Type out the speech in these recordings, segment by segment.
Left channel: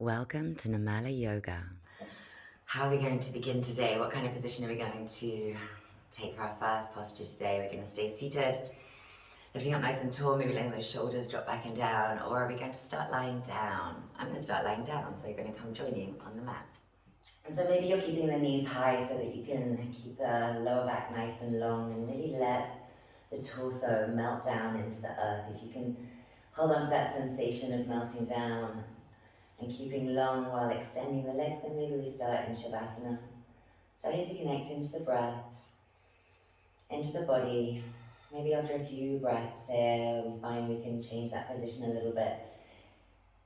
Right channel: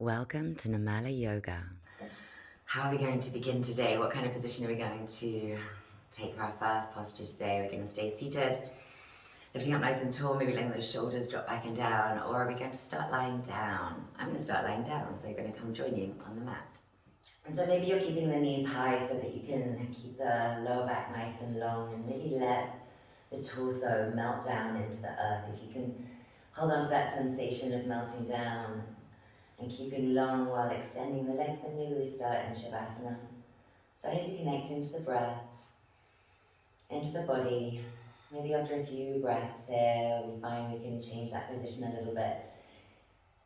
Welcome to Namala Yoga. How are we going to begin today? What kind of position are we going to take for our first posture today? We're going to stay seated, lifting up nice and tall, maybe letting those shoulders drop back and down, or are we going to start lying down? I'm going to start lying down, so you're going to come join you on the mat. And so maybe you're keeping the knees high so that you can keep the lower back nice and long and really let the torso melt down into the earth. If you can hold on to that sensation of melting down and keeping long while extending the legs, then maybe we start in Savasana. Starting to connect into the breath, into the body. Maybe after a few breaths here, we find we can change that position a little bit.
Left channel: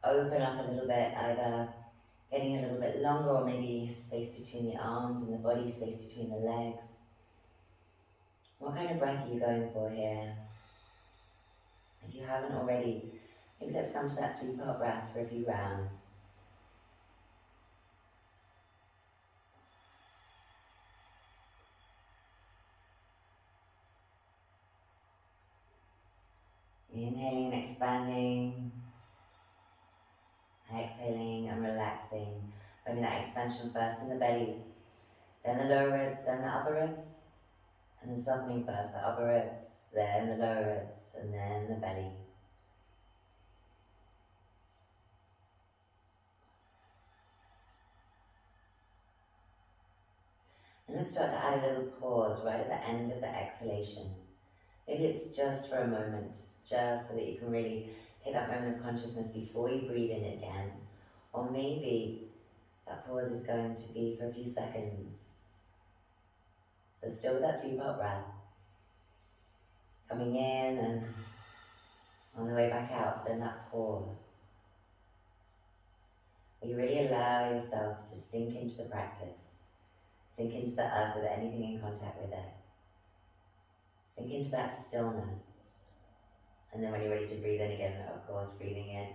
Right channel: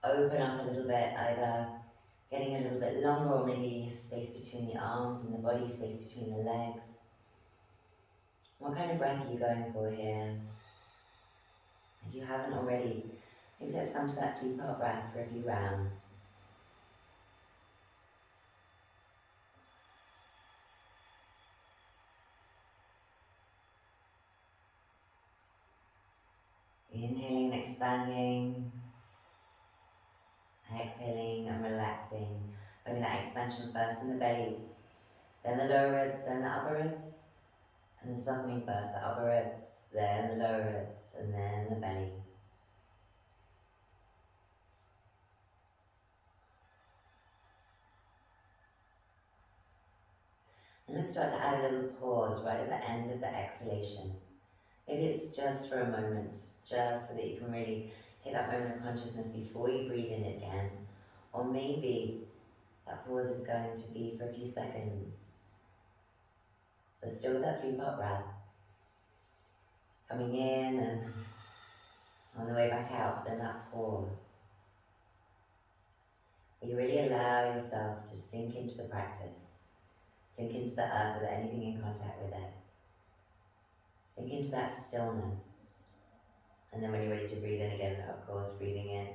Open up a little bit, either getting a little bit longer or maybe space between the arms and the body, space between the legs. What kind of breath are you going for here? If you haven't already, maybe let's come to that 3-part breath for a few rounds. Inhaling and expanding, exhaling and relaxing. Finding that expansion first in the belly, then the lower ribs, then the upper ribs, and then softening first the upper ribs, then the lower ribs, and then the belly. And let's start to add a little pause right at the end of the exhalation. Maybe it's just for a moment, just so that you can really take that moment of consciousness before you breathe in again. Or maybe that pause is going to be for a few seconds. So still with that 3-part breath. Coming in and on the way back out, then that pause. Where you really allow yourself to sink into the practice. Sink into the earth with anything in contact with it. Sink into that stillness. And then when you're ready to breathe in again, of course, breathing in.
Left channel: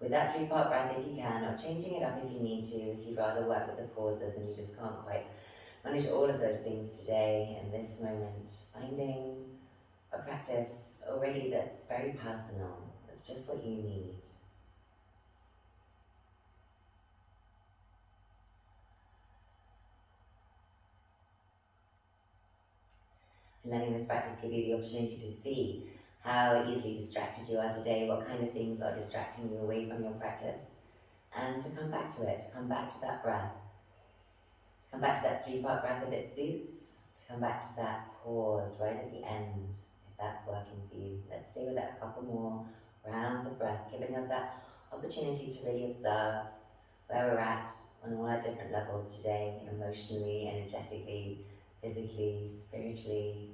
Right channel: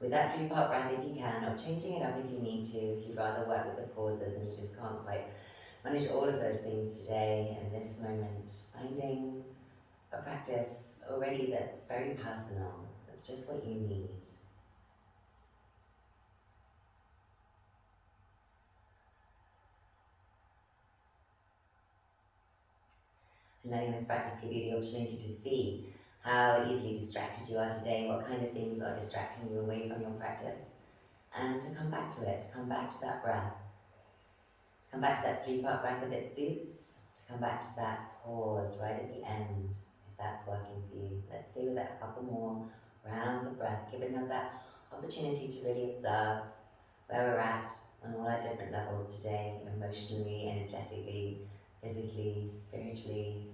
With that 3-part breath if you can, or changing it up if you need to, if you'd rather work with the pauses and you just can't quite manage all of those things today in this moment. Finding a practice already that's very personal, that's just what you need. And letting this practice give you the opportunity to see how easily distracted you are today, what kind of things are distracting you away from your practice, and to come back to it, to come back to that breath, to come back to that 3-part breath if it suits, to come back to that pause right at the end, if that's working for you. Let's stay with it a couple more rounds of breath, giving us that opportunity to really observe where we're at on all our different levels today, emotionally, energetically, physically, spiritually.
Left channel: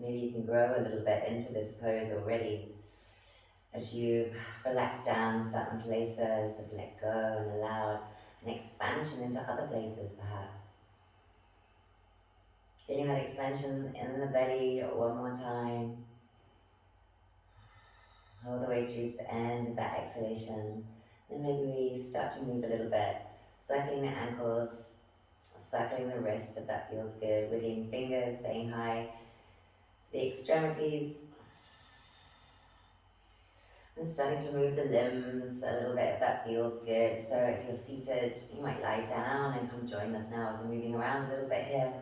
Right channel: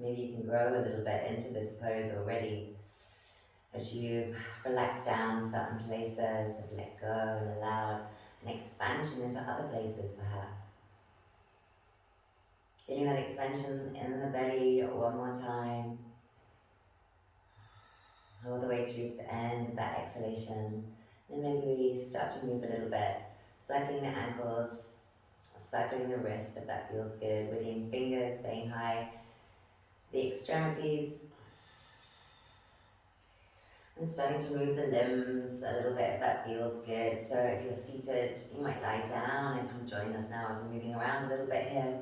Maybe you can grow a little bit into this pose already as you relax down certain places, have let go and allowed an expansion into other places perhaps. Feeling that expansion in the belly one more time. All the way through to the end of that exhalation. Then maybe we start to move a little bit, circling the ankles, circling the wrists if that feels good, wiggling fingers, saying hi to the extremities. And starting to move the limbs a little bit if that feels good. So if you're seated, you might lie down and come join us now as we're moving around a little bit here.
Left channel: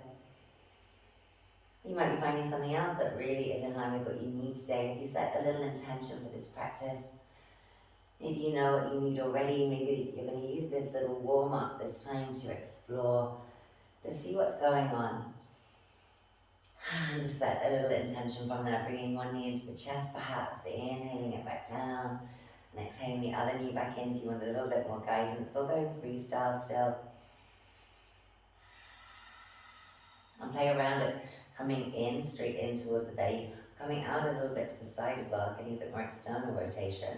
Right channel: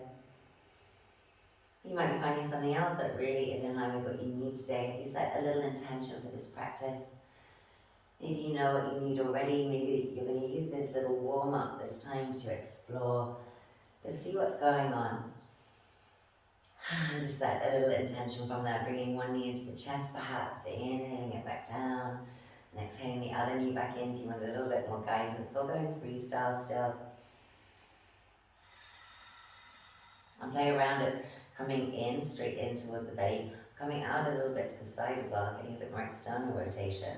You might be finding something else that really is in line with what you need today. If you set a little intention for this practice, maybe you know what you need already. Maybe you're going to use this little warm-up this time to explore, to see what's going on. And to set a little intention from there, bringing one knee into the chest perhaps, inhaling it back down, and exhaling the other knee back in if you want a little bit more guidance, or going freestyle still. And play around it, coming in, straight in towards the belly, coming out a little bit to the side as well, getting a bit more external rotation.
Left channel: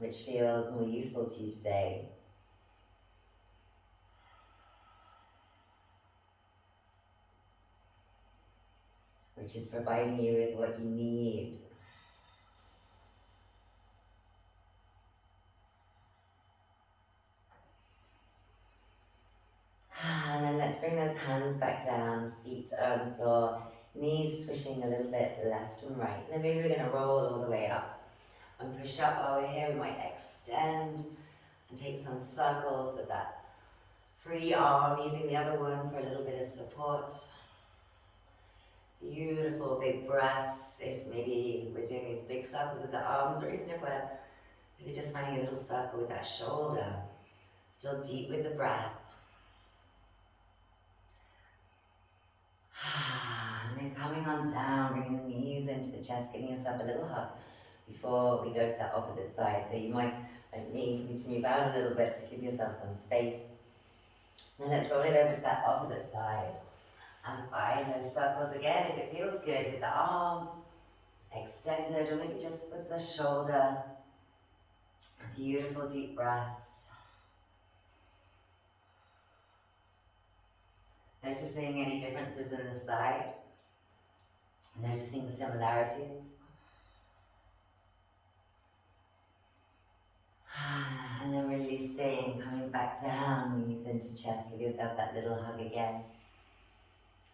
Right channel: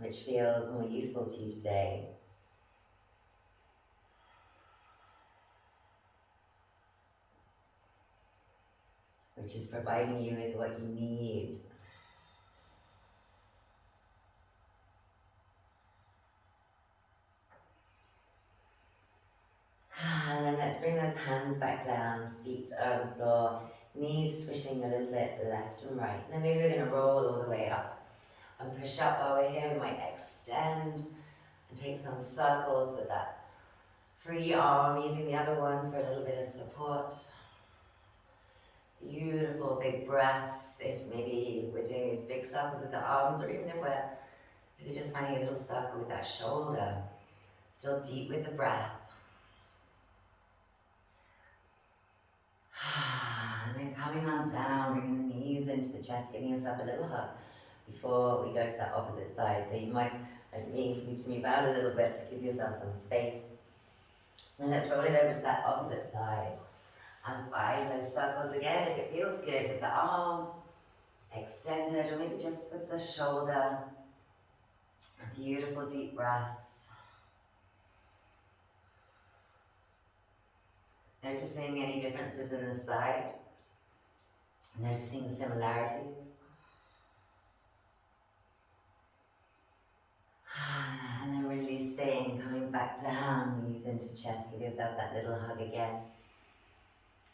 Which feels more useful to you today. which is providing you with what you need. And then let's bring those hands back down, feet on the floor, knees swishing a little bit left and right. And then maybe we're going to roll all the way up and push up while we're here. We might extend and take some circles with that free arm, using the other one for a little bit of support. Beautiful big breaths, if maybe we're doing these big circles with the arms, or even if we're maybe just finding a little circle with that shoulder. Still deep with the breath. And then coming on down, bringing the knees into the chest, giving yourself a little hug before we go to that opposite side. So you might, like me, need to move out a little bit to give yourself some space. And then let's roll it over to that opposite side. And find those circles again, if it feels good, with the arm extended, or maybe just with the shoulder. Beautiful deep breaths. Noticing any differences in the side. Noticing the similarities. And then releasing, coming back down, knees into chest, give yourself that little hug again.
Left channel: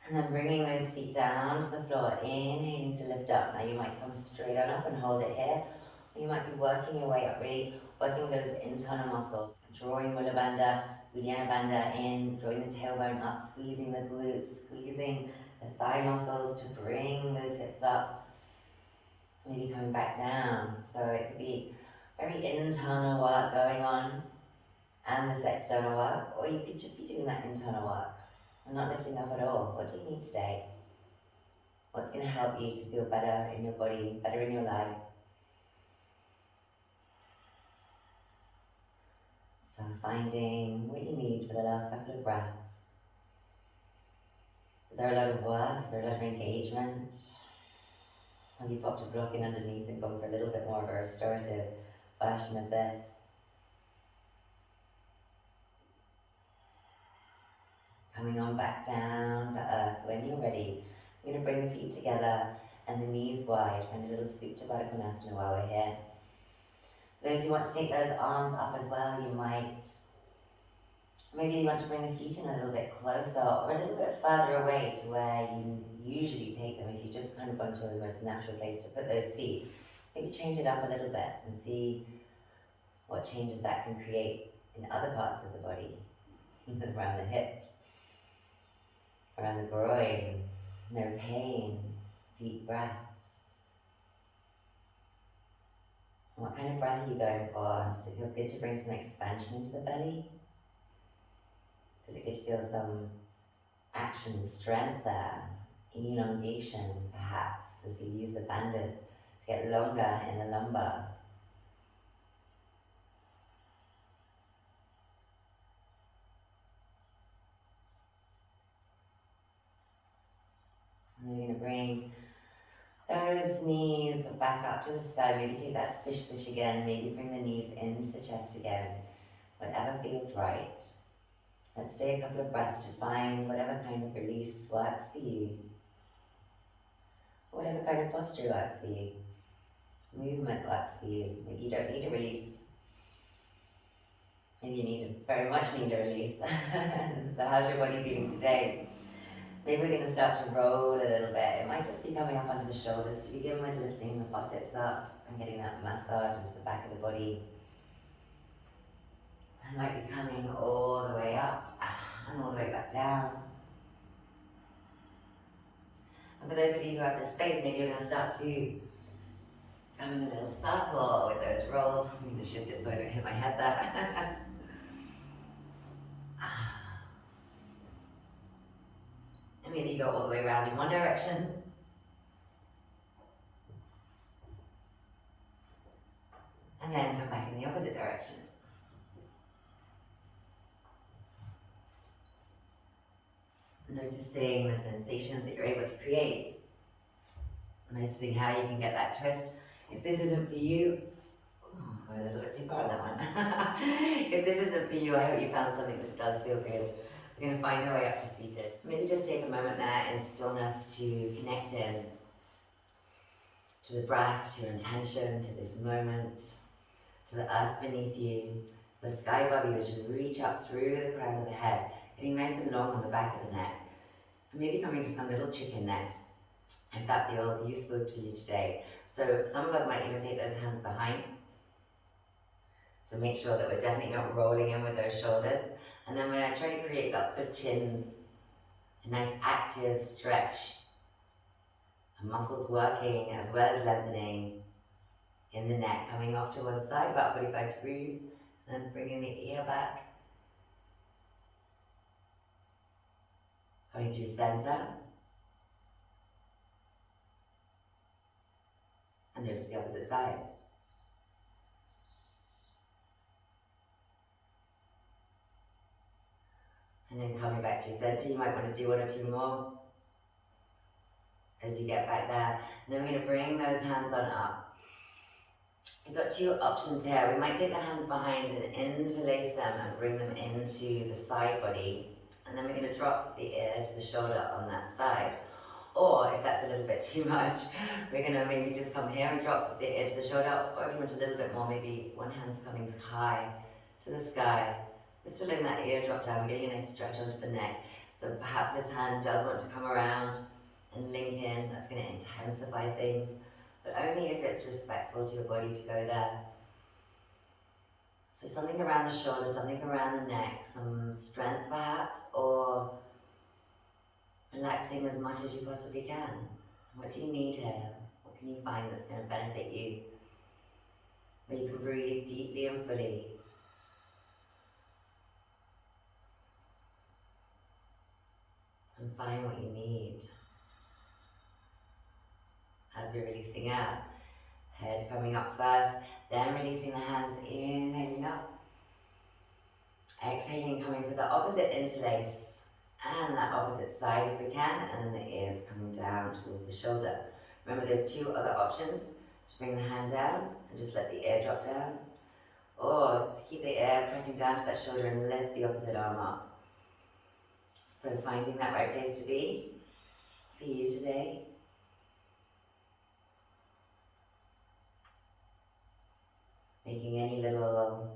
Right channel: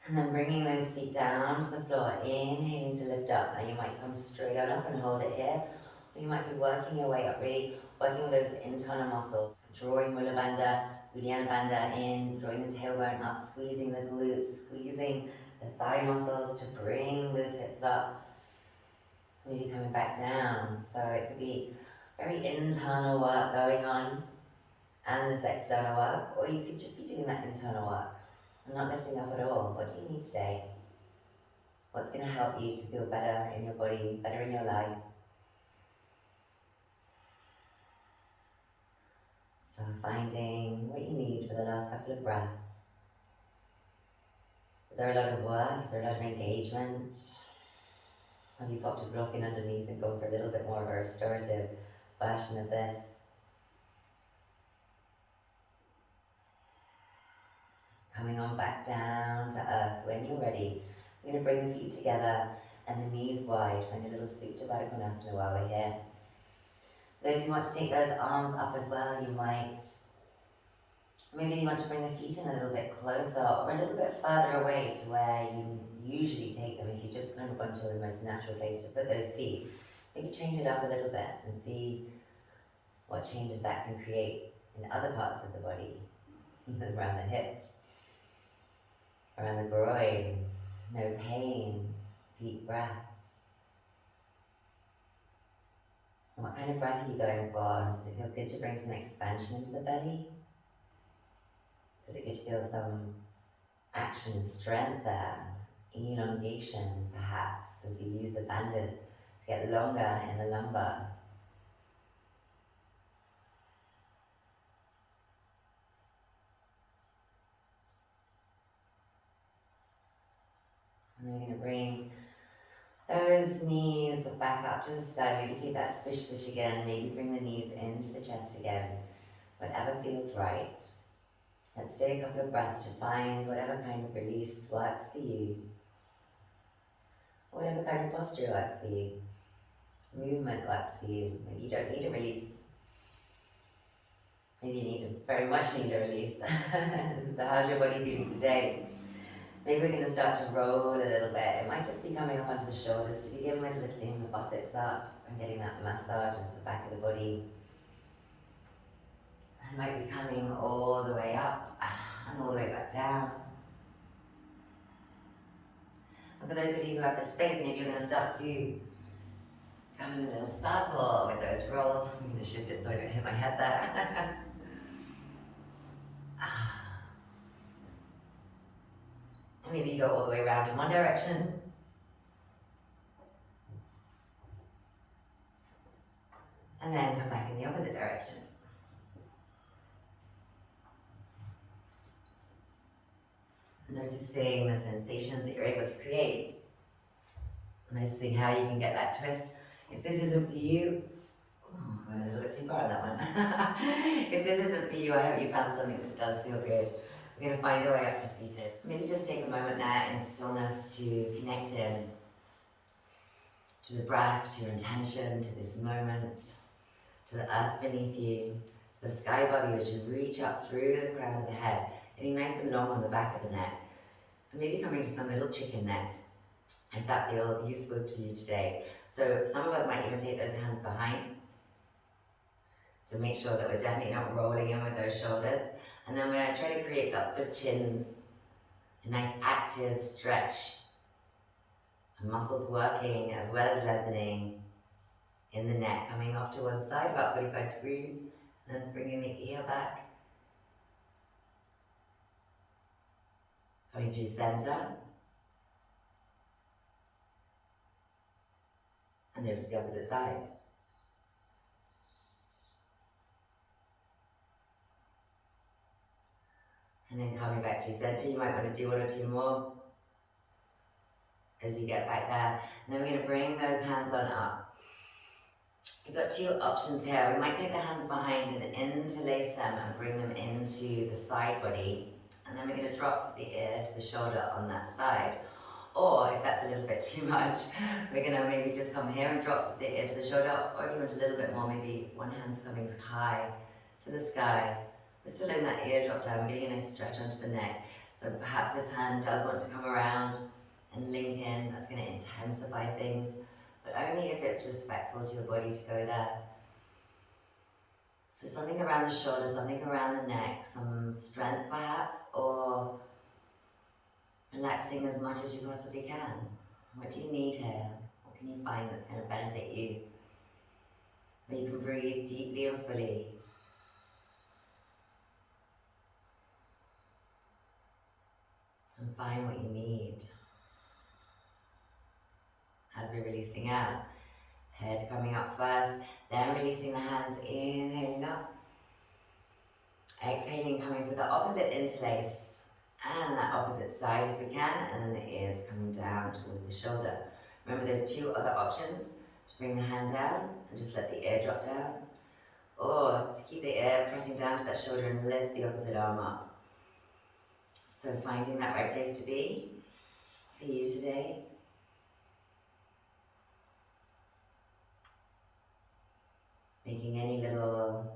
And then bringing those feet down to the floor, inhaling to lift up. Now you might come straight on up and hold it here, or you might be working your way up, really working with those internal muscles. Drawing Mula Bandha, Uddiyana Bandha in, drawing the tailbone up, squeezing the glutes, squeezing the thigh muscles to bring those hips up. Maybe coming back down. So it could be very internal work going on and this external work, or you could just be doing that internal work and not lifting up at all. What do you need today? What's going to help you to feel better in your body, better in your life? So finding what you need for the last couple of breaths. Is there a lot of work? Is there a lot of engagement? Have you popped a block in underneath and gone for a little bit more of a restorative version of this? Coming on back down to earth when you're ready. We're going to bring the feet together and the knees wide. Find a little Supta Baddha Konasana while we're here. Those who want to take those arms up as well, you might. Maybe you want to bring the feet in a little bit closer or a little bit further away to where you usually take them if you've just kind of gone to the most natural place to put those feet. Maybe change it up a little bit and see what changes that can create in other parts of the body, around the hips, around the groin, no pain, deep breaths. And what kind of breath are you going for? Does it feel good to bring some expansion into the belly? Does it good to feel some action and strength there? Elongation, perhaps, as you use the bandhas to get longer in the lumbar. And then we're going to bring those knees back up to the sky. Maybe take that swish again. Maybe bring the knees into the chest again. Whatever feels right. Let's take a couple of breaths to find whatever kind of release works for you. Whatever kind of posture works for you. Movement works for you. Maybe you don't need a release. Maybe you very much need a release. So how's your body feeling today? Maybe we're going to start to roll a little bit. It might just be coming up onto the shoulders to begin with, lifting the buttocks up and getting that massage into the back of the body. It might be coming all the way up and all the way back down. And for those of you who have the space, maybe you're going to start to come in a little circle with those rolls. I'm going to shift it so I don't hit my head there. And maybe you go all the way around in one direction. And then come back in the opposite direction. Noticing the sensations that you're able to create. Noticing how you can get that twist. If this isn't for you, I went a little bit too far on that one. If this isn't for you, I hope you found something that does feel good. We're going to find our way up to seated. Maybe just take a moment there in stillness to connect in to the breath, to your intention, to this moment, to the earth beneath you, to the sky above you as you reach up through the crown of the head, getting nice and long on the back of the neck. And maybe coming to some little chicken necks, if that feels useful to you today. So some of us might even take those hands behind to make sure that we're definitely not rolling in with those shoulders. And then we're trying to create lots of chins, a nice active stretch, and muscles working as well as lengthening in the neck, coming off to one side about 45 degrees, and bringing the ear back, coming through center, and over to the opposite side. And then coming back through center, you might want to do one or two more as you get back there. And then we're going to bring those hands on up. We've got two options here. We might take the hands behind and interlace them and bring them into the side body. And then we're going to drop the ear to the shoulder on that side. Or if that's a little bit too much, we're going to maybe just come here and drop the ear to the shoulder. Or if you want a little bit more, maybe one hand's coming high to the sky. We're still letting that ear drop down. We're getting a nice stretch onto the neck. So perhaps this hand does want to come around and link in. That's going to intensify things, but only if it's respectful to your body to go there. So something around the shoulder, something around the neck, some strength perhaps, or relaxing as much as you possibly can. What do you need here? What can you find that's going to benefit you? Where you can breathe deeply and fully. And find what you need. As we're releasing out, head coming up first, then releasing the hands, inhaling up, exhaling, coming for the opposite interlace and that opposite side if we can, and then the ears coming down towards the shoulder. Remember there's two other options, to bring the hand down and just let the ear drop down, or to keep the ear pressing down to that shoulder and lift the opposite arm up. So finding that right place to be for you today. Making any little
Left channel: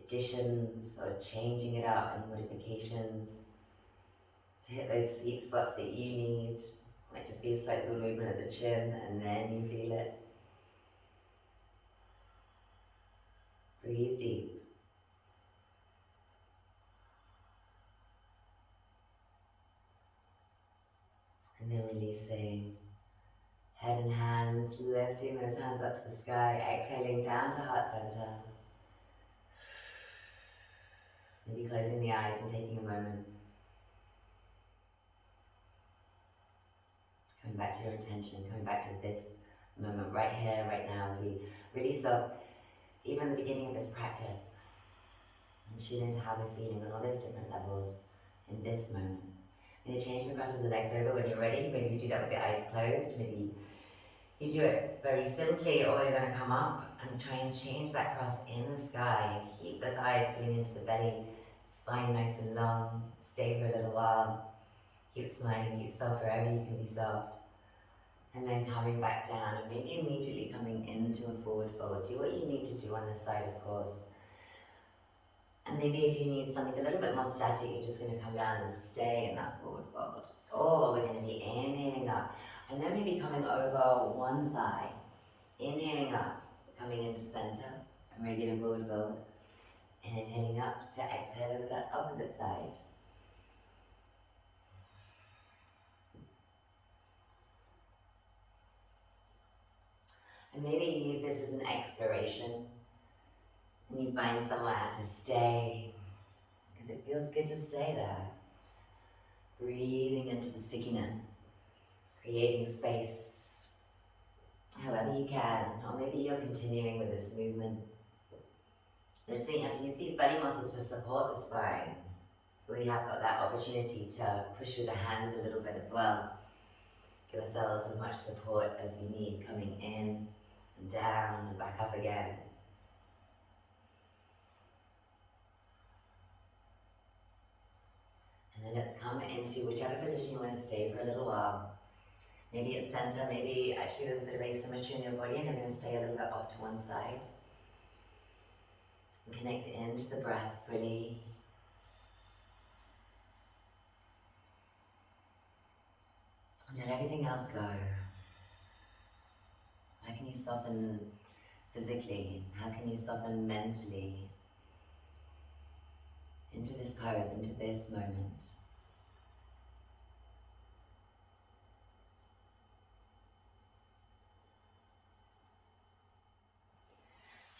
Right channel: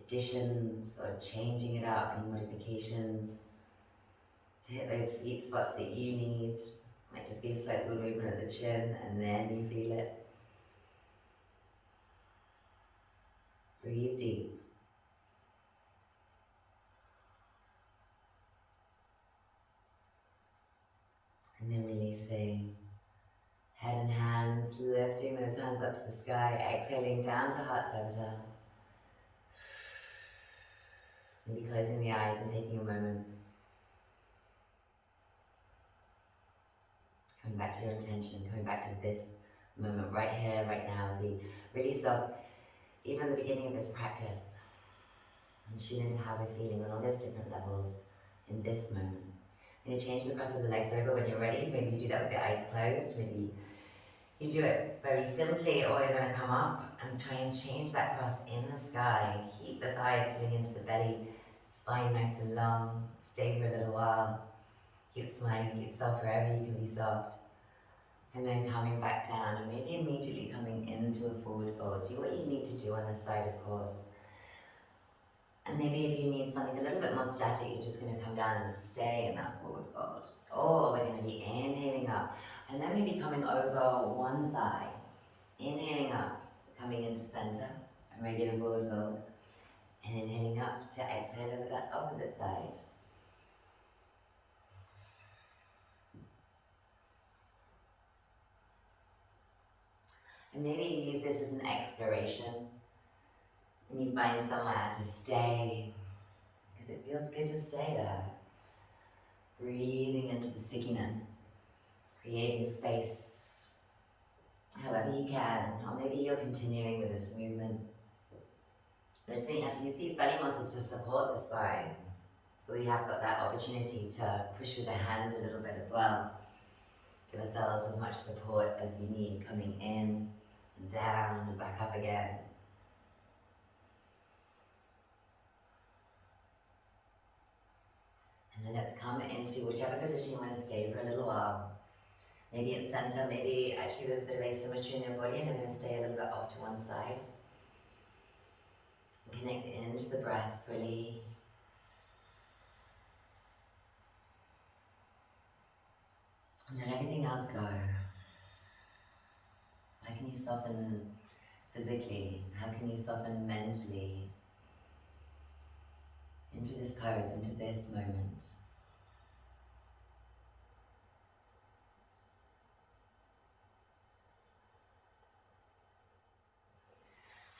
additions or changing it up, any modifications to hit those sweet spots that you need. Might just be a slight little movement of the chin and then you feel it. Breathe deep. And then releasing. Head and hands, lifting those hands up to the sky, exhaling down to heart center. Maybe closing the eyes and taking a moment. Coming back to your intention, coming back to this moment right here, right now, as we release up even the beginning of this practice and tune into how we're feeling on all those different levels in this moment. I'm going to change the cross of the legs over when you're ready. Maybe you do that with the eyes closed. Maybe you do it very simply, or you're going to come up and try and change that cross in the sky and keep the thighs pulling into the belly, spine nice and long. Stay for a little while. Keep smiling, keep soft wherever you can be soft. And then coming back down and maybe immediately coming into a forward fold. Do what you need to do on this side, of course. And maybe if you need something a little bit more static, you're just going to come down and stay in that forward fold. Or we're going to be inhaling up. And then maybe coming over one thigh. Inhaling up, coming into center, a regular forward fold. And inhaling up to exhale over that opposite side. And maybe you use this as an exploration. And you find somewhere to stay, because it feels good to stay there. Breathing into the stickiness, creating space, however you can, or maybe you're continuing with this movement. Notice that you have to use these belly muscles to support the spine, but we have got that opportunity to push with the hands a little bit as well. Give ourselves as much support as we need, coming in and down and back up again. And then let's come into whichever position you want to stay for a little while. Maybe it's center, maybe actually there's a bit of asymmetry in your body and you're going to stay a little bit off to one side. And connect into the breath fully. And let everything else go. How can you soften physically? How can you soften mentally? Into this pose, into this moment.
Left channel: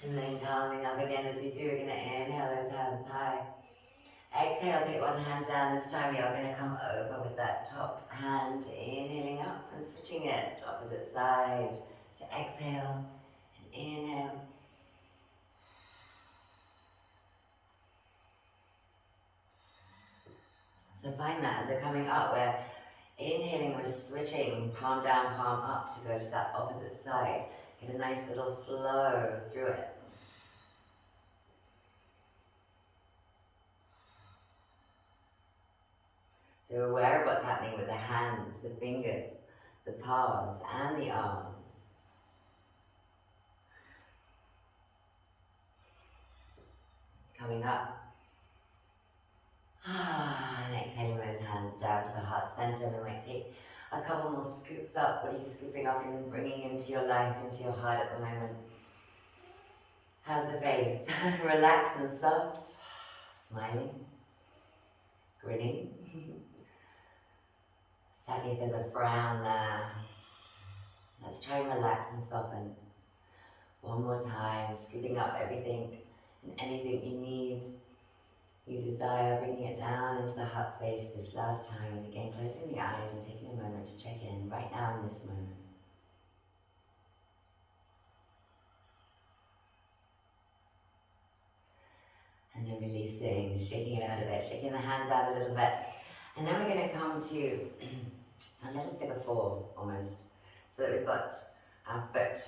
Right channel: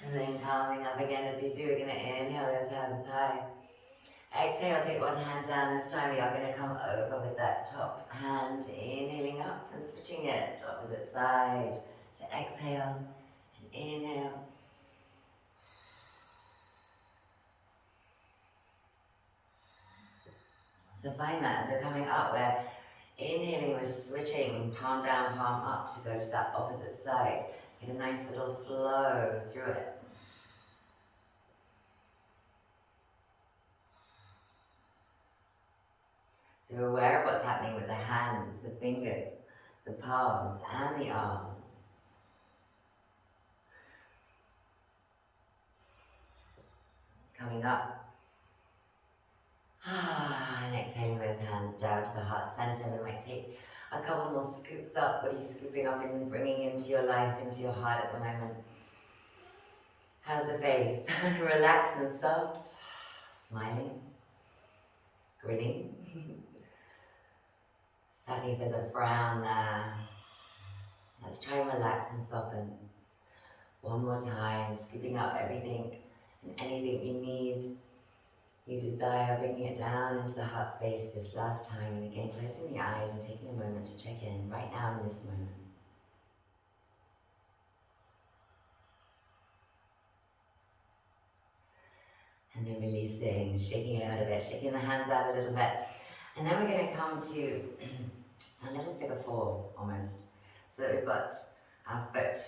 And then coming up again as you do, we're going to inhale those hands high. Exhale, take one hand down. This time we are going to come over with that top hand, inhaling up and switching it to opposite side. To exhale and inhale. So find that as you're coming up, we're inhaling, we're switching palm down, palm up to go to that opposite side. Get a nice little flow through it. So we're aware of what's happening with the hands, the fingers, the palms and the arms. Coming up. And exhaling those hands down to the heart center. We might take a couple more scoops up. What are you scooping up and bringing into your life, into your heart at the moment? How's the face? Relaxed and soft. Smiling. Grinning. Certainly if there's a frown there, let's try and relax and soften. One more time, scooping up everything and anything you need, you desire, bringing it down into the heart space this last time. And again, closing the eyes and taking a moment to check in right now in this moment. And then releasing, shaking it out a bit, shaking the hands out a little bit. And then we're going to come to a little figure four almost, so that we've got our foot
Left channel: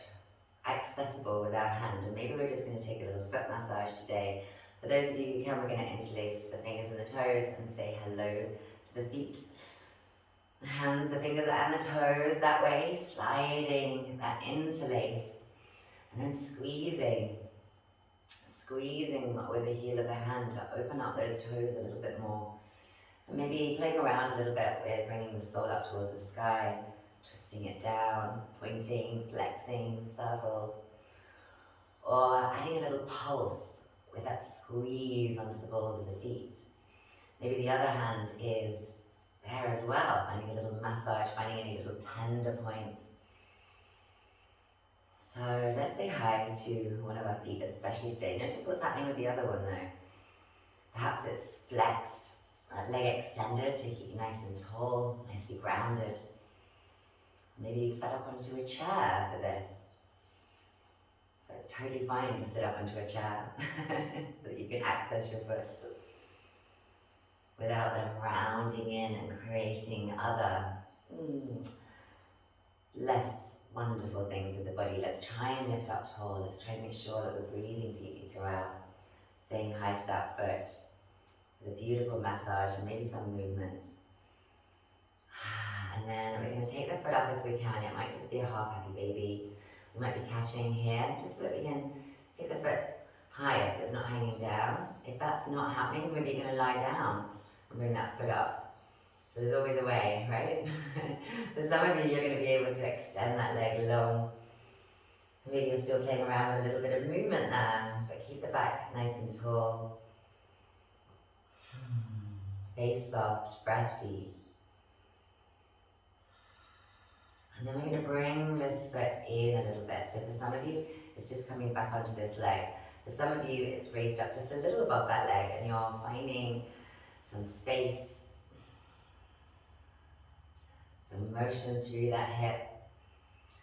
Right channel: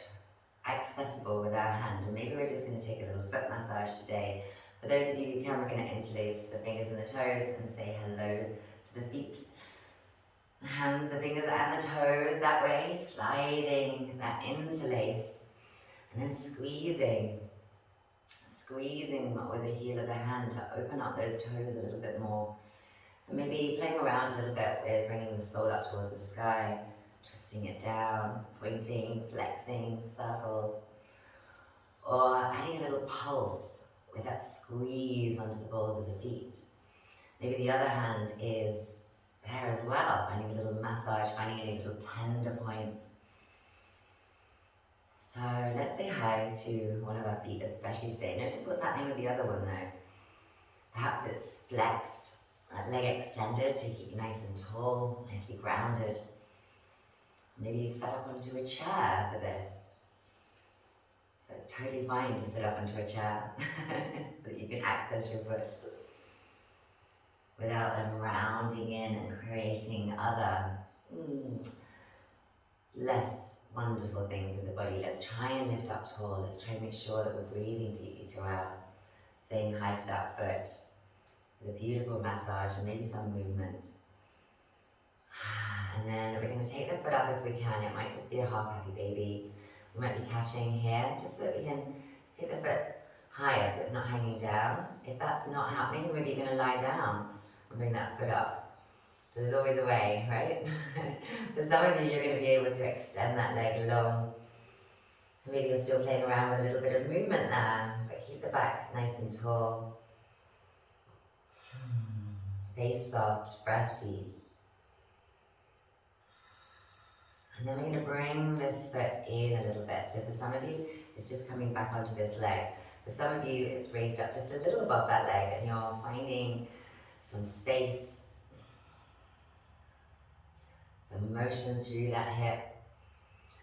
accessible with our hand. And maybe we're just going to take a little foot massage today. For those of you who can, we're going to interlace the fingers and the toes and say hello to the feet. The hands, the fingers and the toes, that way, sliding that interlace. And then squeezing with the heel of the hand to open up those toes a little bit more. And maybe playing around a little bit with bringing the sole up towards the sky, twisting it down, pointing, flexing, circles. Or adding a little pulse with that squeeze onto the balls of the feet. Maybe the other hand is there as well, finding a little massage, finding any little tender points. So let's say hi to one of our feet, especially today. Notice what's happening with the other one though. Perhaps it's flexed, leg extended to keep you nice and tall, nicely grounded. Maybe you've sat up onto a chair for this. So it's totally fine to sit up onto a chair so that you can access your foot without them rounding in and creating other less wonderful things with the body. Let's try and lift up tall. Let's try and make sure that we're breathing deeply throughout, saying hi to that foot with a beautiful massage and maybe some movement. And then we're going to take the foot up if we can. It might just be a half happy baby. We might be catching here, just so that we can take the foot higher so it's not hanging down. If that's not happening, maybe you're going to lie down and bring that foot up. So there's always a way, right? For some of you, you're going to be able to extend that leg long. Maybe you're still playing around with a little bit of movement there, but keep the back nice and tall. Face soft, breath deep. And then we're going to bring this foot in a little bit. So for some of you, it's just coming back onto this leg. For some of you, it's raised up just a little above that leg and you're finding some space, some motion through that hip.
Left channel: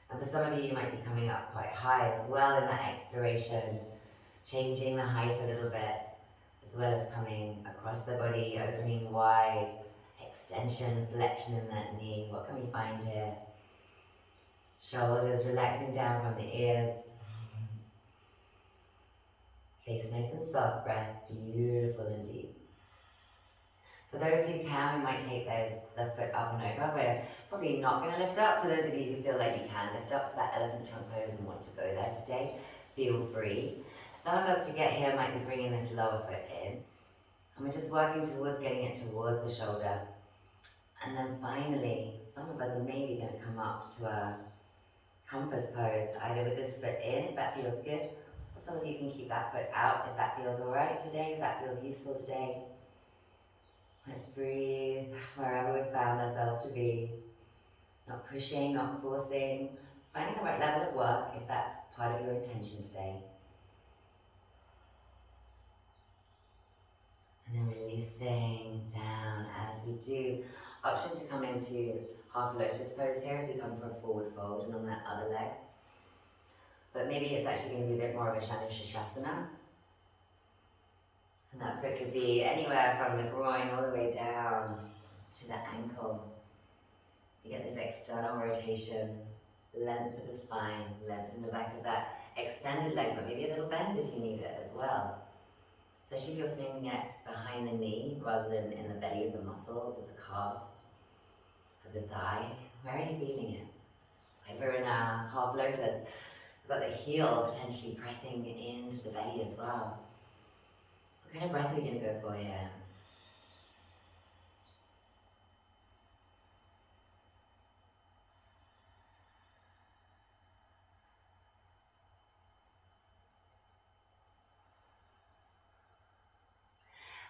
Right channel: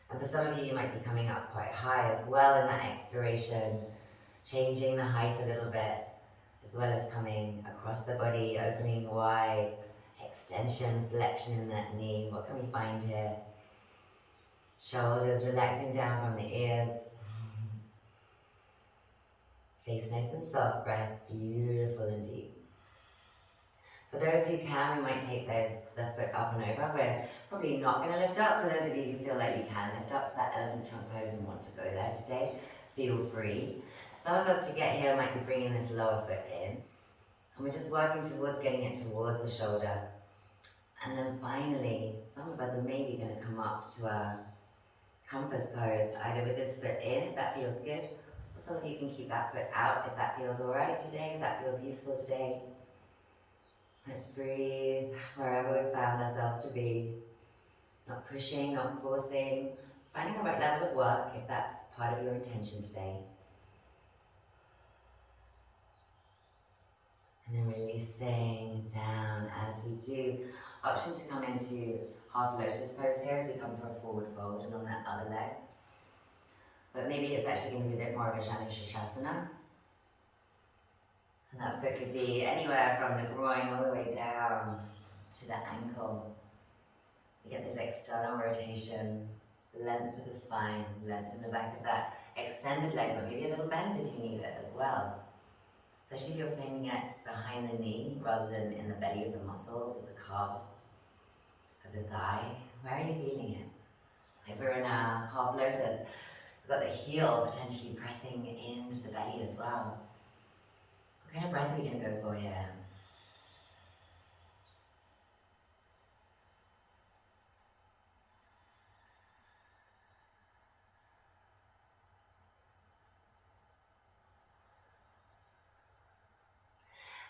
And for some of you, you might be coming up quite high as well in that exploration, changing the height a little bit, as well as coming across the body, opening wide, extension, flexion in that knee. What can we find here? Shoulders relaxing down from the ears. Face nice and soft, breath beautiful and deep. For those who can, we might take the foot up and over. We're probably not going to lift up. For those of you who feel like you can lift up to that elephant trunk pose and want to go there today, feel free. Some of us to get here might be bringing this lower foot in. And we're just working towards getting it towards the shoulder. And then finally, some of us are maybe going to come up to a compass pose, either with this foot in, if that feels good, or some of you can keep that foot out if that feels all right today, if that feels useful today. Let's breathe wherever we found ourselves to be. Not pushing, not forcing, finding the right level of work if that's part of your intention today. And then releasing down as we do. Option to come into half lotus pose here as we come for a forward fold and on that other leg. But maybe it's actually going to be a bit more of a Shasana. And that foot could be anywhere from the groin all the way down to the ankle. So you get this external rotation, length for the spine, length in the back of that extended leg, but maybe a little bend if you need it as well. Especially if you're feeling it behind the knee rather than in the belly of the muscles of the calf, of the thigh. Where are you feeling it? Like we're in a half lotus. We've got the heel potentially pressing into the belly as well. What kind of breath are we going to go for here?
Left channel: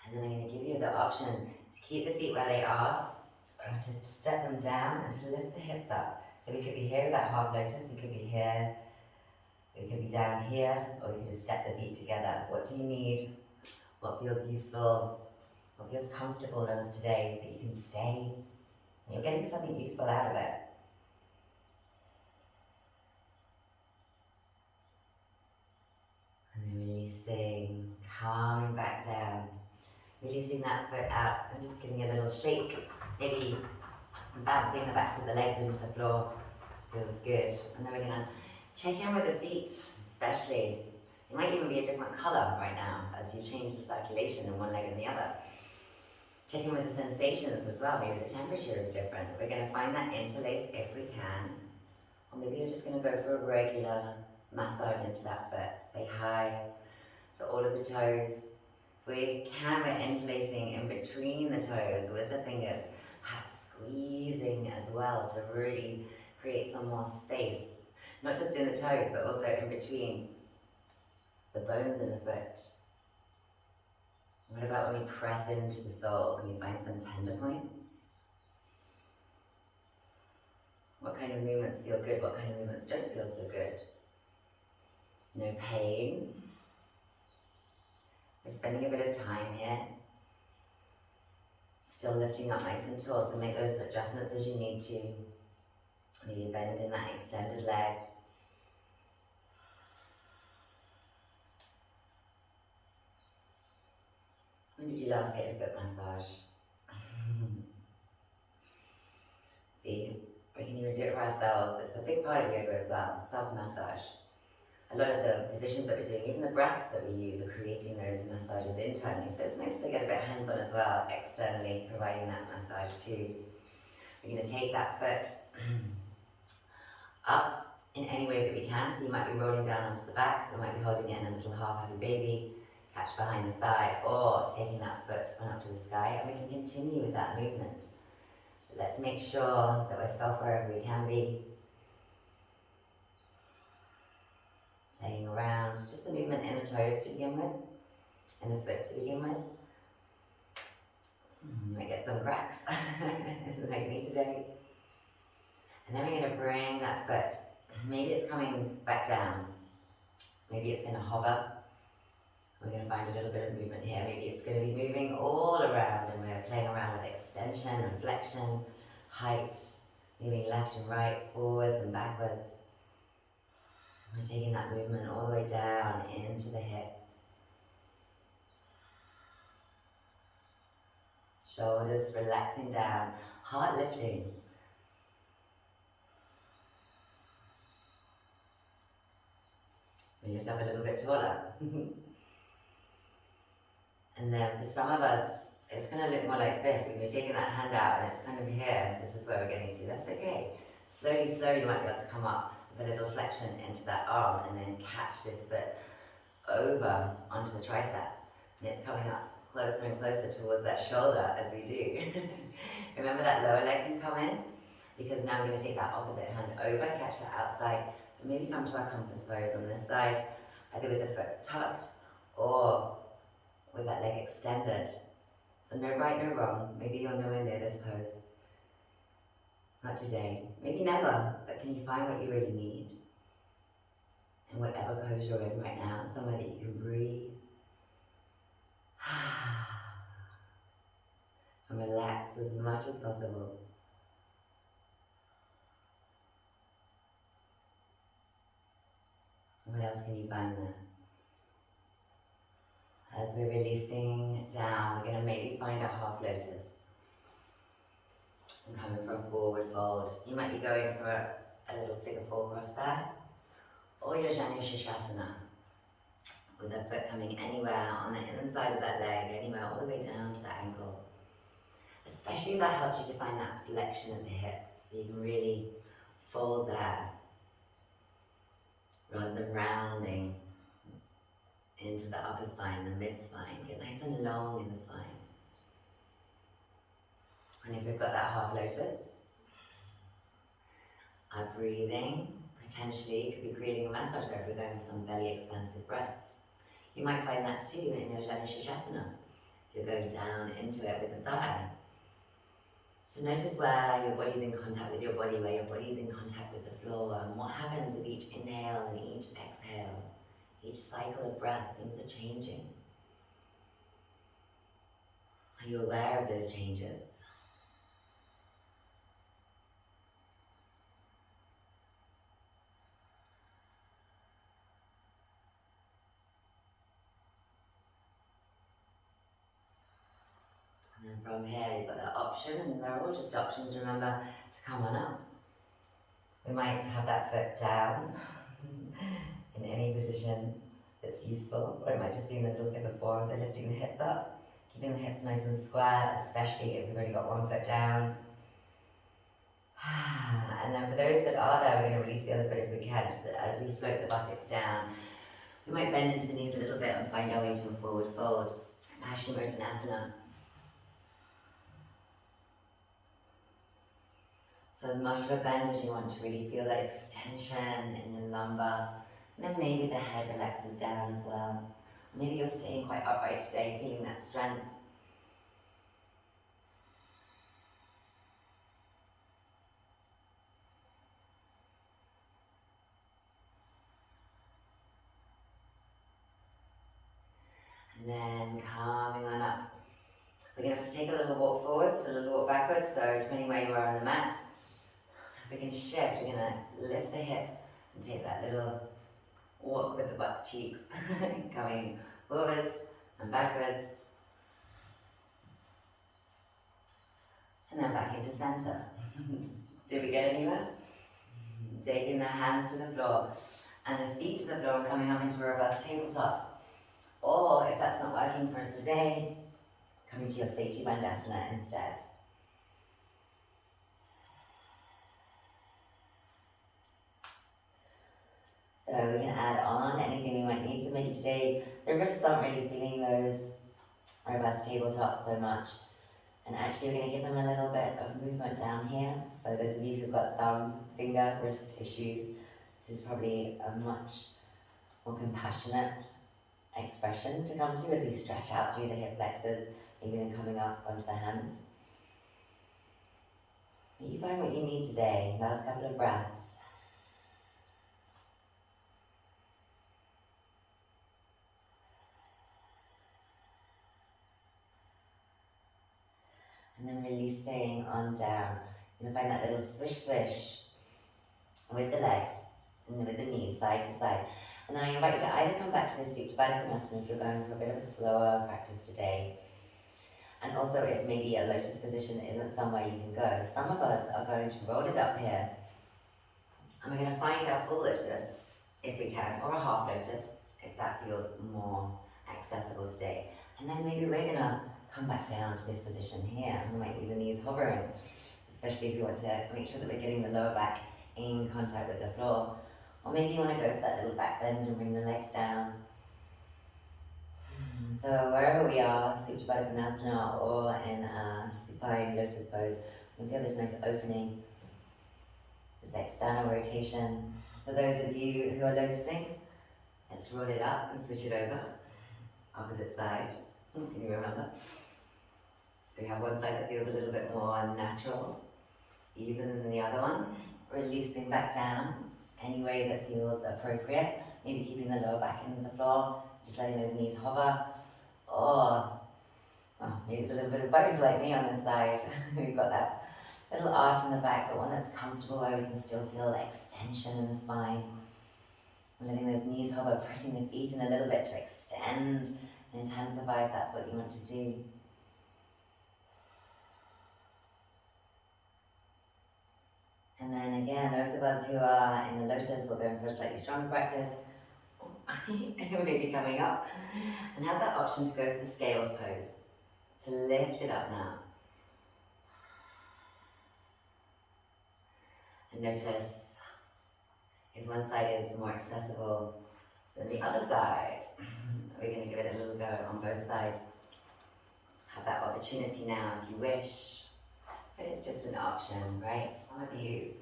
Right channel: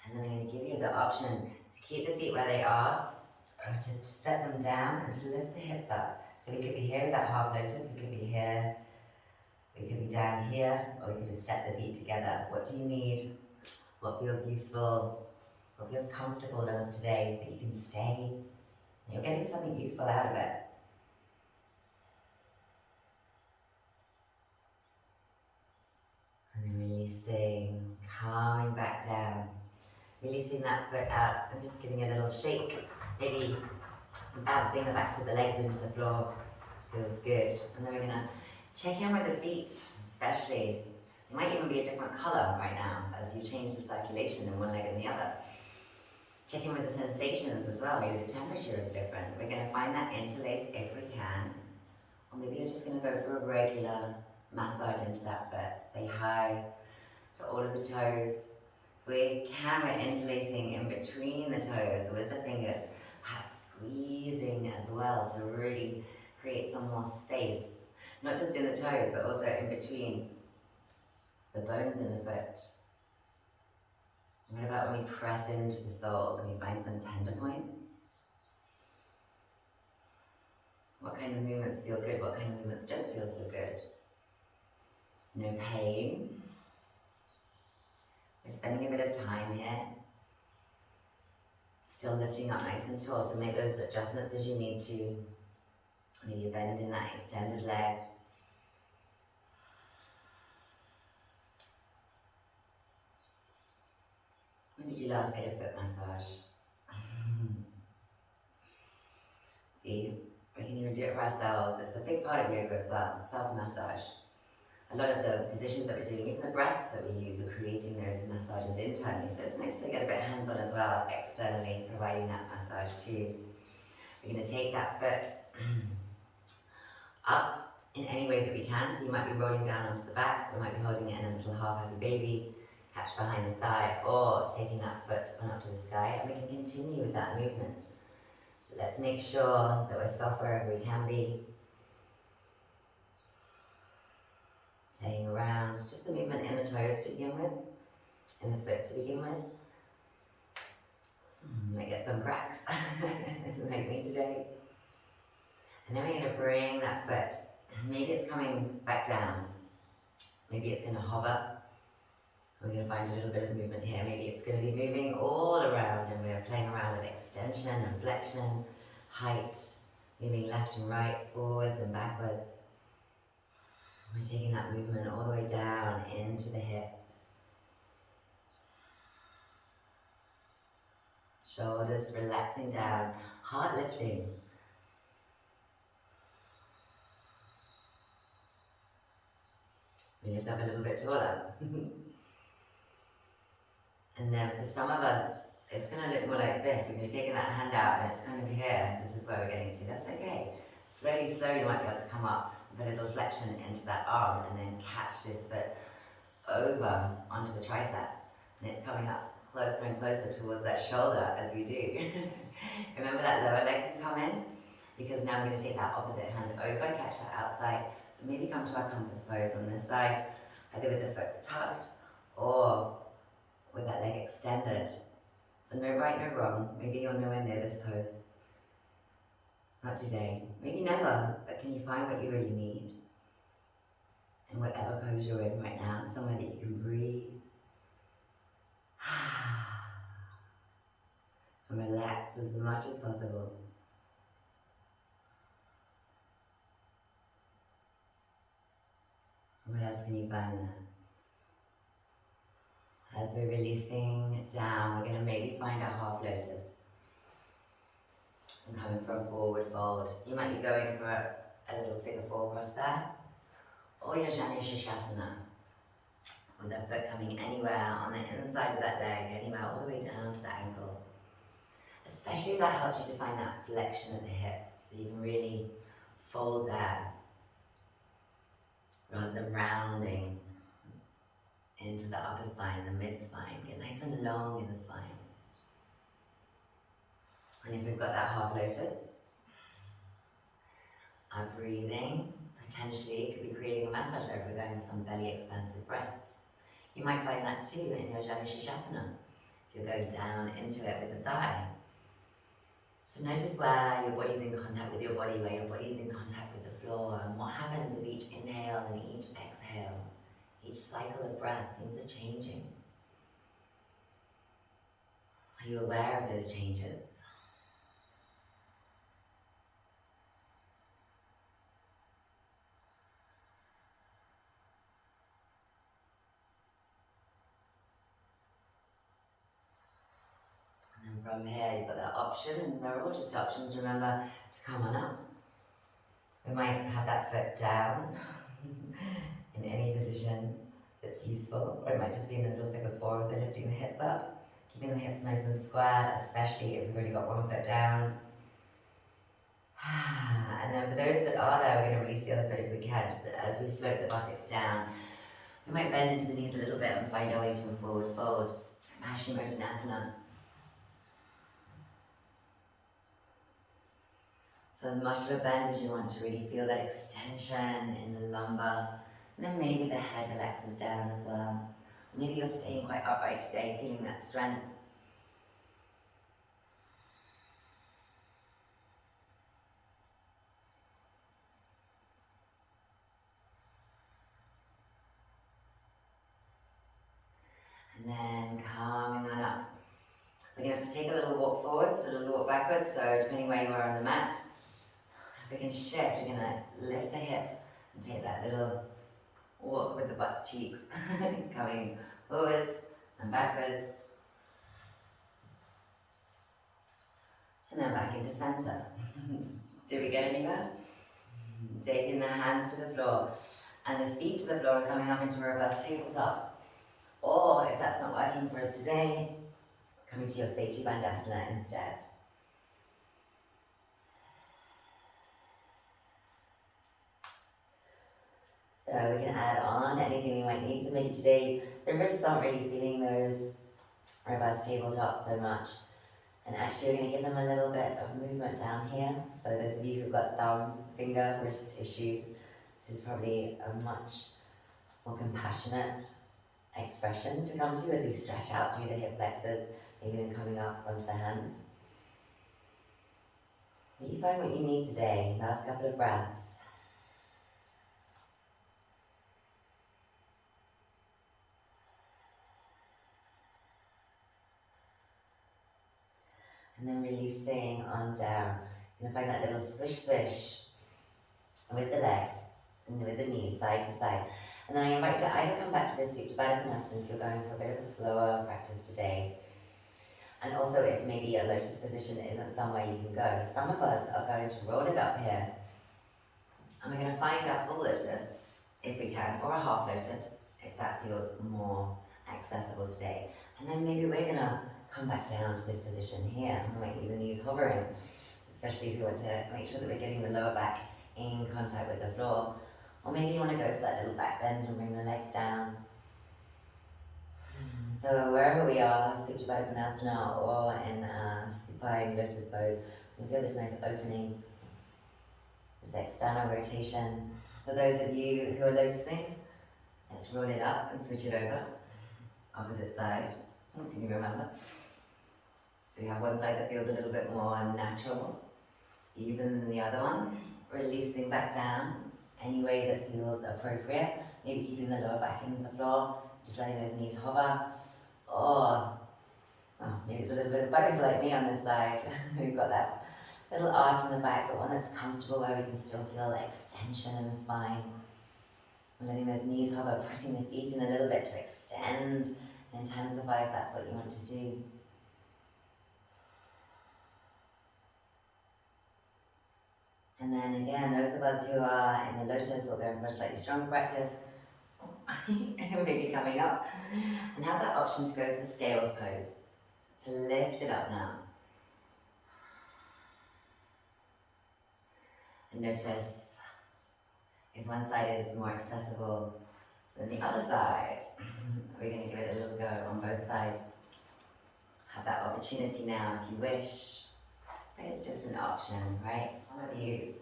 And then I'm going to give you the option to keep the feet where they are, or to step them down and to lift the hips up. So we could be here with that half lotus, we could be here, we could be down here, or you could just step the feet together. What do you need? What feels useful? What feels comfortable enough today that you can stay and you're getting something useful out of it? And then releasing, calming back down. Releasing that foot out and just giving it a little shake. Maybe bouncing the backs of the legs into the floor. Feels good. And then we're gonna check in with the feet, especially. It might even be a different color right now as you change the circulation in one leg and the other. Check in with the sensations as well. Maybe the temperature is different. We're gonna find that interlace if we can. Or maybe you're just gonna go for a regular massage into that foot. Say hi to all of the toes. If we can, we're interlacing in between the toes with the fingers, perhaps squeezing as well to really create some more space, not just in the toes, but also in between the bones in the foot. What about when we press into the sole? Can we find some tender points? What kind of movements feel good? What kind of movements don't feel so good? No pain. We're spending a bit of time here. Still lifting up nice and tall, so make those adjustments as you need to. Maybe a bend in that extended leg. When did you last get a foot massage? See, we can even do it for ourselves. It's a big part of yoga as well, self-massage. A lot of the positions that we're doing, even the breaths that we use, are creating those massages internally. So it's nice to get a bit hands-on as well, externally, providing that massage too. We're going to take that foot up in any way that we can. So you might be rolling down onto the back, we might be holding it in a little half happy baby, catch behind the thigh, or taking that foot on up to the sky, and we can continue with that movement. But let's make sure that we're soft wherever we can be. Playing around, just the movement in the toes to begin with, and the foot to begin with. You might get some cracks, like me today. And then we're going to bring that foot, maybe it's coming back down, maybe it's going to hover. We're going to find a little bit of movement here. Maybe it's going to be moving all around, and we're playing around with extension and flexion, height, moving left and right, forwards and backwards. We're taking that movement all the way down into the hip. Shoulders relaxing down, heart lifting. We lift up a little bit taller. And then for some of us, it's going to look more like this when you're taking that hand out and it's kind of here. This is where we're getting to. That's okay. Slowly, slowly you might be able to come up and put a little flexion into that arm and then catch this foot over onto the tricep. And it's coming up closer and closer towards that shoulder as we do. Remember that lower leg can come in? Because now we're going to take that opposite hand over, catch that outside, and maybe come to our compass pose on this side, either with the foot tucked or with that leg extended. So no right, no wrong. Maybe you're nowhere near this pose. Not today. Maybe never, but can you find what you really need? In whatever pose you're in right now, somewhere that you can breathe. And relax as much as possible. What else can you find there? As we're releasing down, we're going to maybe find a half lotus. And coming for a forward fold. You might be going for a little figure four cross there. Or your Shasana. With the foot coming anywhere on the inside of that leg, anywhere all the way down to the ankle. Especially if that helps you to find that flexion at the hips. So you can really fold there. Rather than rounding into the upper spine, the mid spine. Get nice and long in the spine. And if we've got that half lotus, our breathing potentially could be creating a massage there if we're going for some belly expansive breaths. You might find that too in your Shasana. If you're going down into it with the thigh. So notice where your body's in contact with your body, where your body's in contact with the floor, and what happens with each inhale and each exhale. Each cycle of breath, things are changing. Are you aware of those changes? And then from here, you've got that option, and they're all just options, remember, to come on up. We might have that foot down in any position that's useful, or it might just be in a little figure four if we're lifting the hips up, keeping the hips nice and square, especially if we've already got one foot down. And then for those that are there, we're going to release the other foot if we can, so that as we float the buttocks down, we might bend into the knees a little bit and find our way to a forward fold. Paschimottanasana. So as much of a bend as you want to really feel that extension in the lumbar. And then maybe the head relaxes down as well. Maybe you're staying quite upright today, feeling that strength. And then coming on up. We're going to take a little walk forwards, a little walk backwards, so depending where you are on the mat. If we can shift, we're going to lift the hip and take that little walk with the butt cheeks, coming forwards and backwards. And then back into center. Did we get anywhere? Taking the hands to the floor and the feet to the floor, coming up into reverse tabletop. Or if that's not working for us today, coming to your Setu Bandhasana instead. So we can add on anything we might need. So maybe today the wrists aren't really feeling those reverse tabletops so much. And actually we're going to give them a little bit of movement down here. So those of you who've got thumb, finger, wrist issues, this is probably a much more compassionate expression to come to as we stretch out through the hip flexors, maybe then coming up onto the hands. But you find what you need today, last couple of breaths. And then releasing on down. You're going to find that little swish swish with the legs and with the knees side to side. And then I invite you to either come back to this Supine if you're going for a bit of a slower practice today. And also if maybe a lotus position isn't somewhere you can go. Some of us are going to roll it up here. And we're going to find our full lotus, if we can, or a half lotus, if that feels more accessible today. And then maybe we're going to come back down to this position here. We might leave the knees hovering, especially if you want to make sure that we're getting the lower back in contact with the floor. Or maybe you want to go for that little back bend and bring the legs down. So wherever we are, Supine or in a supine lotus pose, you can feel this nice opening, this external rotation. For those of you who are lotusing, let's roll it up and switch it over. Opposite side. Can you remember? We have one side that feels a little bit more natural, even than the other one. Releasing back down any way that feels appropriate. Maybe keeping the lower back in the floor, just letting those knees hover. Or maybe it's a little bit of both, like me on this side. We've got that little arch in the back, but one that's comfortable where we can still feel extension in the spine. We're letting those knees hover, pressing the feet in a little bit to extend and intensify if that's what you want to do. And then again, those of us who are in the lotus or going for a slightly stronger practice, maybe coming up, and have that option to go for the scales pose, to lift it up now. And notice if one side is more accessible than the other side. We're going to give it a little go on both sides. Have that opportunity now if you wish, but it's just an option, right? Some of you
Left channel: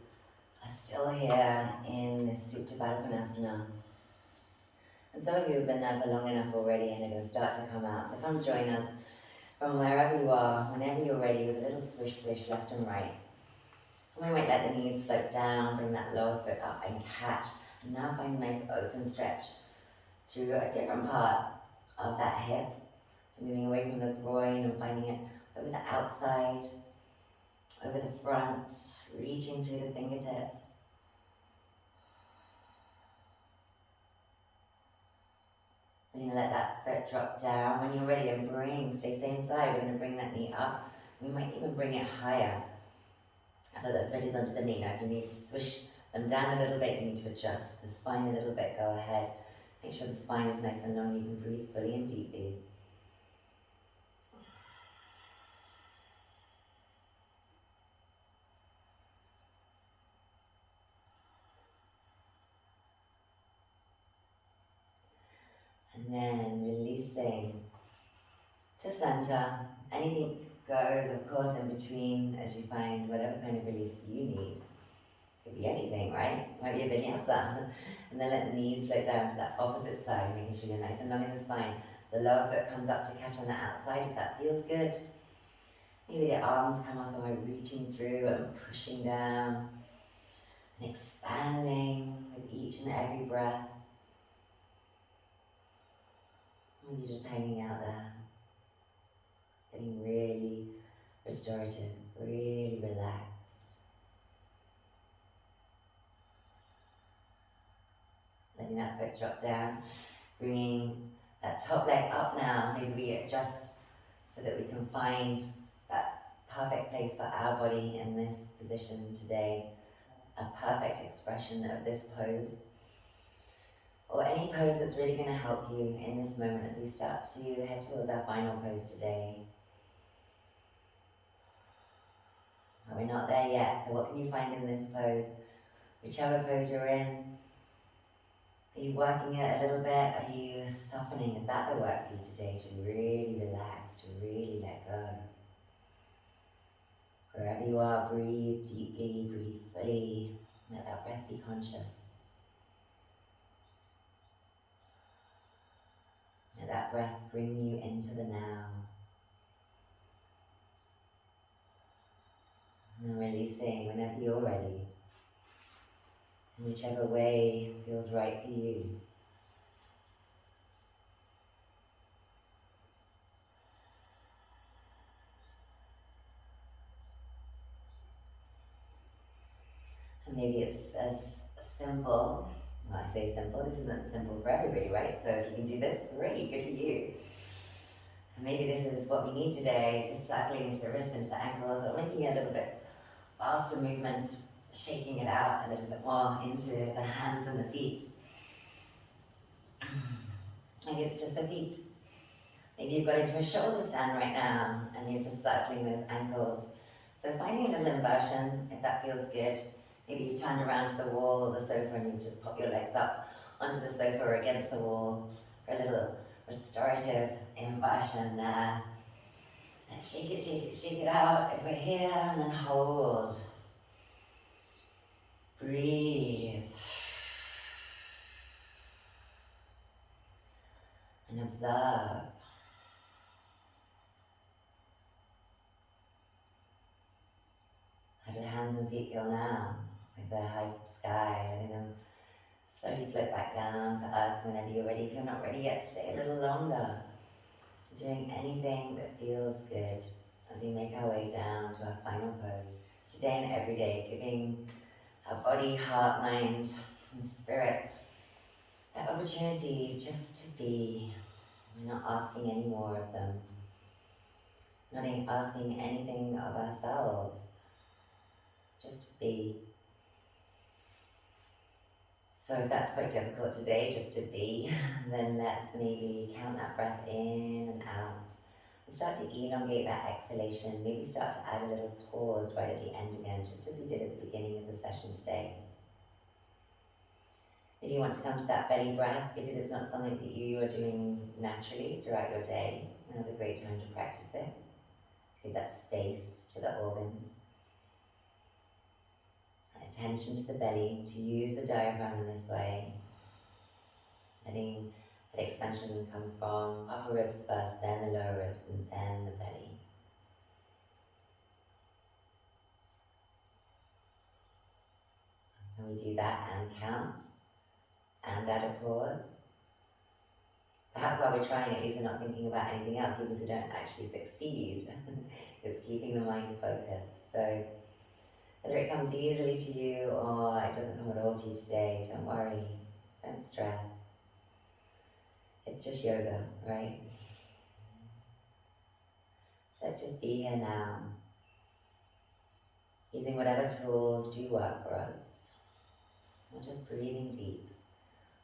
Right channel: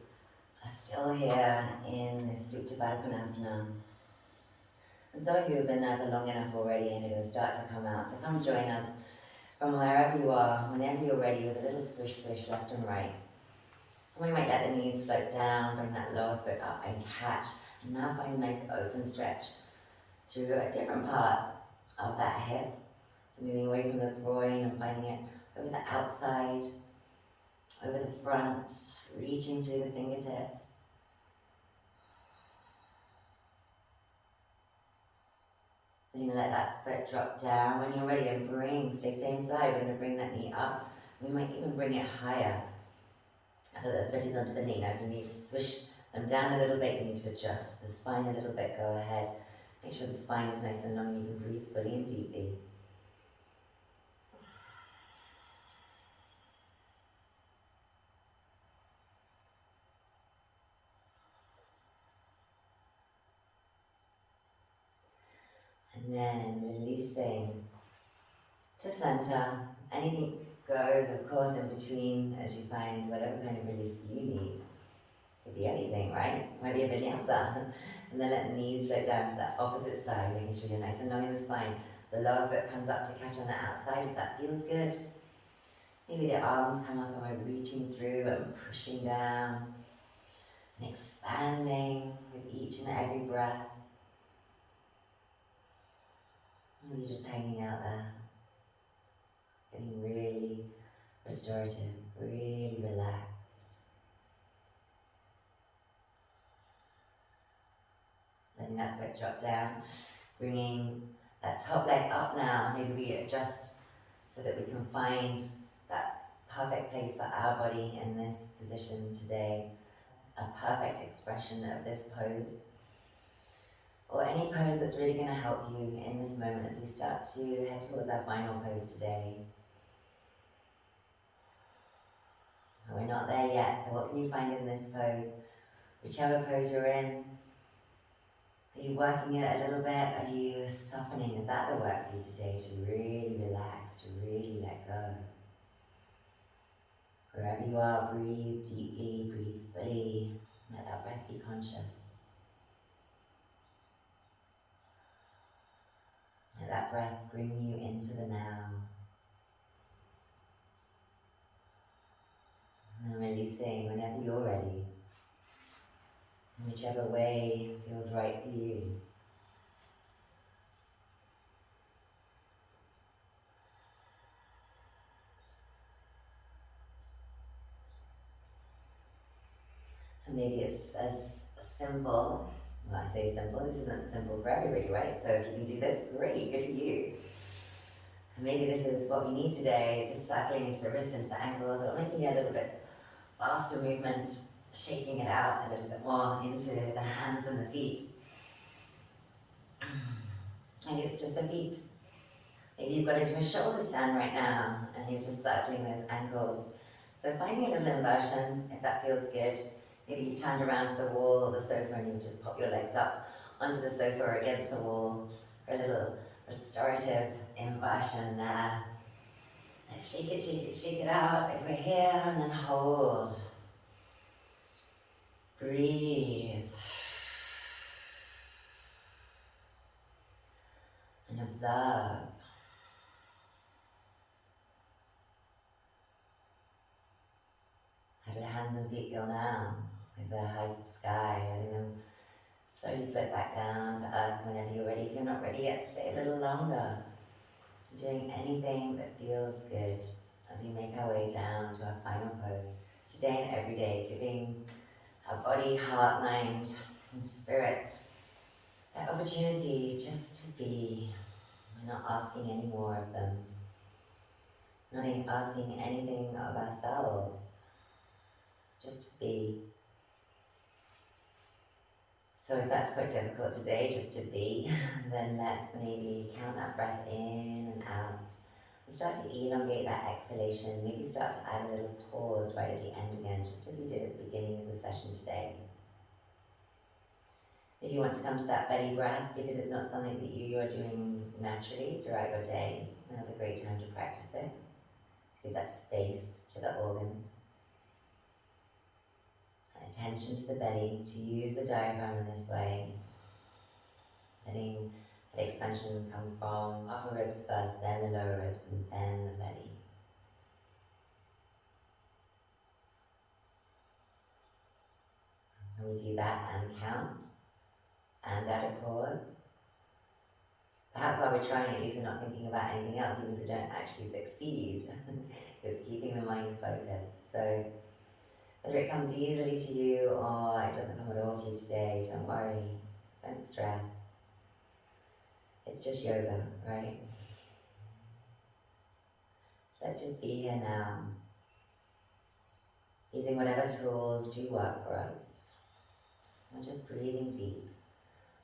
are still here in this Supta Baddha Konasana. And some of you have been there for long enough already and are going to start to come out. So come join us from wherever you are, whenever you're ready, with a little swish swish left and right. And we might let the knees float down, bring that lower foot up and catch. And now find a nice open stretch through a different part of that hip. So moving away from the groin and finding it over the outside, over the front, reaching through the fingertips. We're going to let that foot drop down. When you're ready to stay same side, we're going to bring that knee up. We might even bring it higher so that the foot is onto the knee. Now if you need to swish them down a little bit, you need to adjust the spine a little bit, go ahead. Make sure the spine is nice and long and you can breathe fully and deeply. And then releasing to center. Anything goes, of course, in between as you find whatever kind of release you need. Could be anything, right? Might be a vinyasa. And then let the knees float down to that opposite side, making sure you're nice and long in the spine. The lower foot comes up to catch on the outside if that feels good. Maybe the arms come up and we're reaching through and pushing down and expanding with each and every breath. Maybe just hanging out there, getting really restorative, really relaxed. Letting that foot drop down, bringing that top leg up now. Maybe we adjust so that we can find that perfect place for our body in this position today. A perfect expression of this pose. Or any pose that's really going to help you in this moment as we start to head towards our final pose today. But we're not there yet, so what can you find in this pose? Whichever pose you're in, are you working it a little bit? Are you softening? Is that the work for you today, to really relax, to really let go? Wherever you are, breathe deeply, breathe fully. Let that breath be conscious. Let that breath bring you into the now. And then releasing whenever you're ready. In whichever way feels right for you. And maybe it's as simple, well, I say simple, this isn't simple for everybody, right? So if you can do this, great, good for you. And maybe this is what we need today, just circling into the wrists, into the ankles, or making a little bit faster movement, shaking it out a little bit more into the hands and the feet. Maybe it's just the feet. Maybe you've got into a shoulder stand right now and you're just circling those ankles. So finding a little inversion, if that feels good. Maybe you turned around to the wall or the sofa and you just pop your legs up onto the sofa or against the wall for a little restorative inversion there. And shake it, shake it, shake it out. If we're here, and then hold. Breathe. And observe. How do the hands and feet feel now? With their high to the sky, letting them slowly float back down to earth whenever you're ready. If you're not ready yet, stay a little longer. Doing anything that feels good as we make our way down to our final pose. Today and every day, giving our body, heart, mind, and spirit that opportunity just to be. We're not asking any more of them. Not asking anything of ourselves. Just to be. So if that's quite difficult today, just to be, then let's maybe count that breath in and out. And start to elongate that exhalation. Maybe start to add a little pause right at the end again, just as we did at the beginning of the session today. If you want to come to that belly breath, because it's not something that you are doing naturally throughout your day, now's a great time to practice it. To give that space to the organs. Attention to the belly, to use the diaphragm in this way. Letting that expansion come from upper ribs first, then the lower ribs, and then the belly. And we do that and count, and add a pause. Perhaps while we're trying, at least we're not thinking about anything else, even if we don't actually succeed. It's keeping the mind focused. So whether it comes easily to you or it doesn't come at all to you today, don't worry, don't stress. It's just yoga, right? So let's just be here now, using whatever tools do work for us. We're just breathing deep,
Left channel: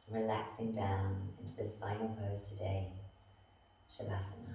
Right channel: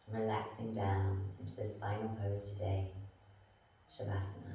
relaxing down into this final pose today, Savasana.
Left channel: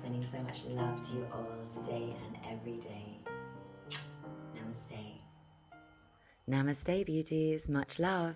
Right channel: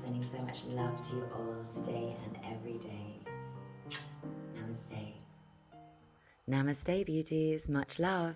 Sending so much love to you all today and every day. Namaste. Namaste, beauties. Much love.